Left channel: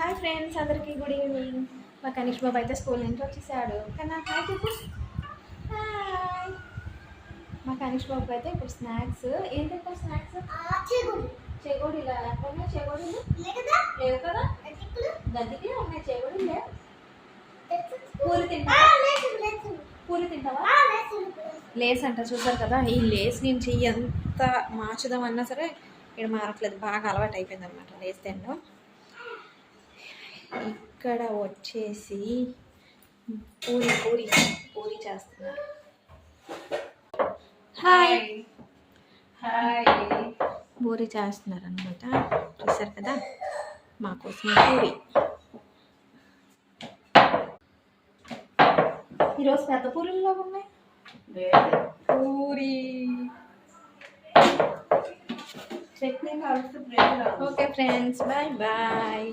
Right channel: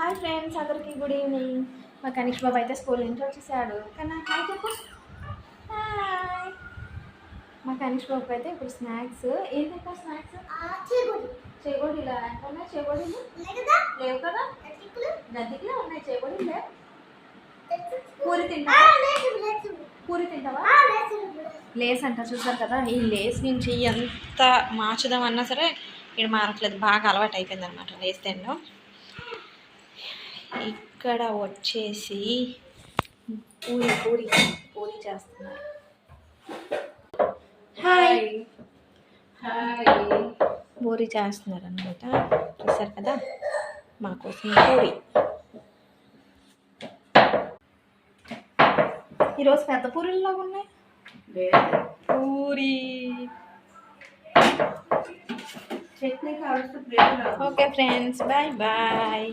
Hi friends, అందరికీ good evening. మా కనిష్ బాబు అయితే స్కూల్ నుంచి వచ్చేసాడు. కానీ హాయ్ చెప్పు. హాయ్. మా కనిష్ బాబుకి అయితే ఇప్పుడు స్నాక్స్ ఏం తింటావు? స్నాక్స్ చెగోడీలా ఎక్కడున్నాయి? చెగోడీలు లేవు కదా, గద్దికులే ఉన్నాయి. చెగోడీలు లేవు. పూరి తింటావా? పూరి తింటావా? లేస్ అంట. చూసారు కదా, ఈ లేస్ నుంచి ఎంత మార్చుదామన్నా సరే ఇక్కడ మారట్లేదు. బాగా అలవాటు అయిపోయింది అనమాట లేస్ తినడం. ఇక్కడ వచ్చేసి పూరి పూరి పూరి చేస్తున్నారు. Hi hi. పూరి చేస్తున్నారు అనమాట. చూసారు కదా, మా కోసం పూరి. ఈరోజు పెద్ద పూరీల్లో ఉన్నాయి. పూరి చట్నీ కావాల్సి. Okay friends, bye bye.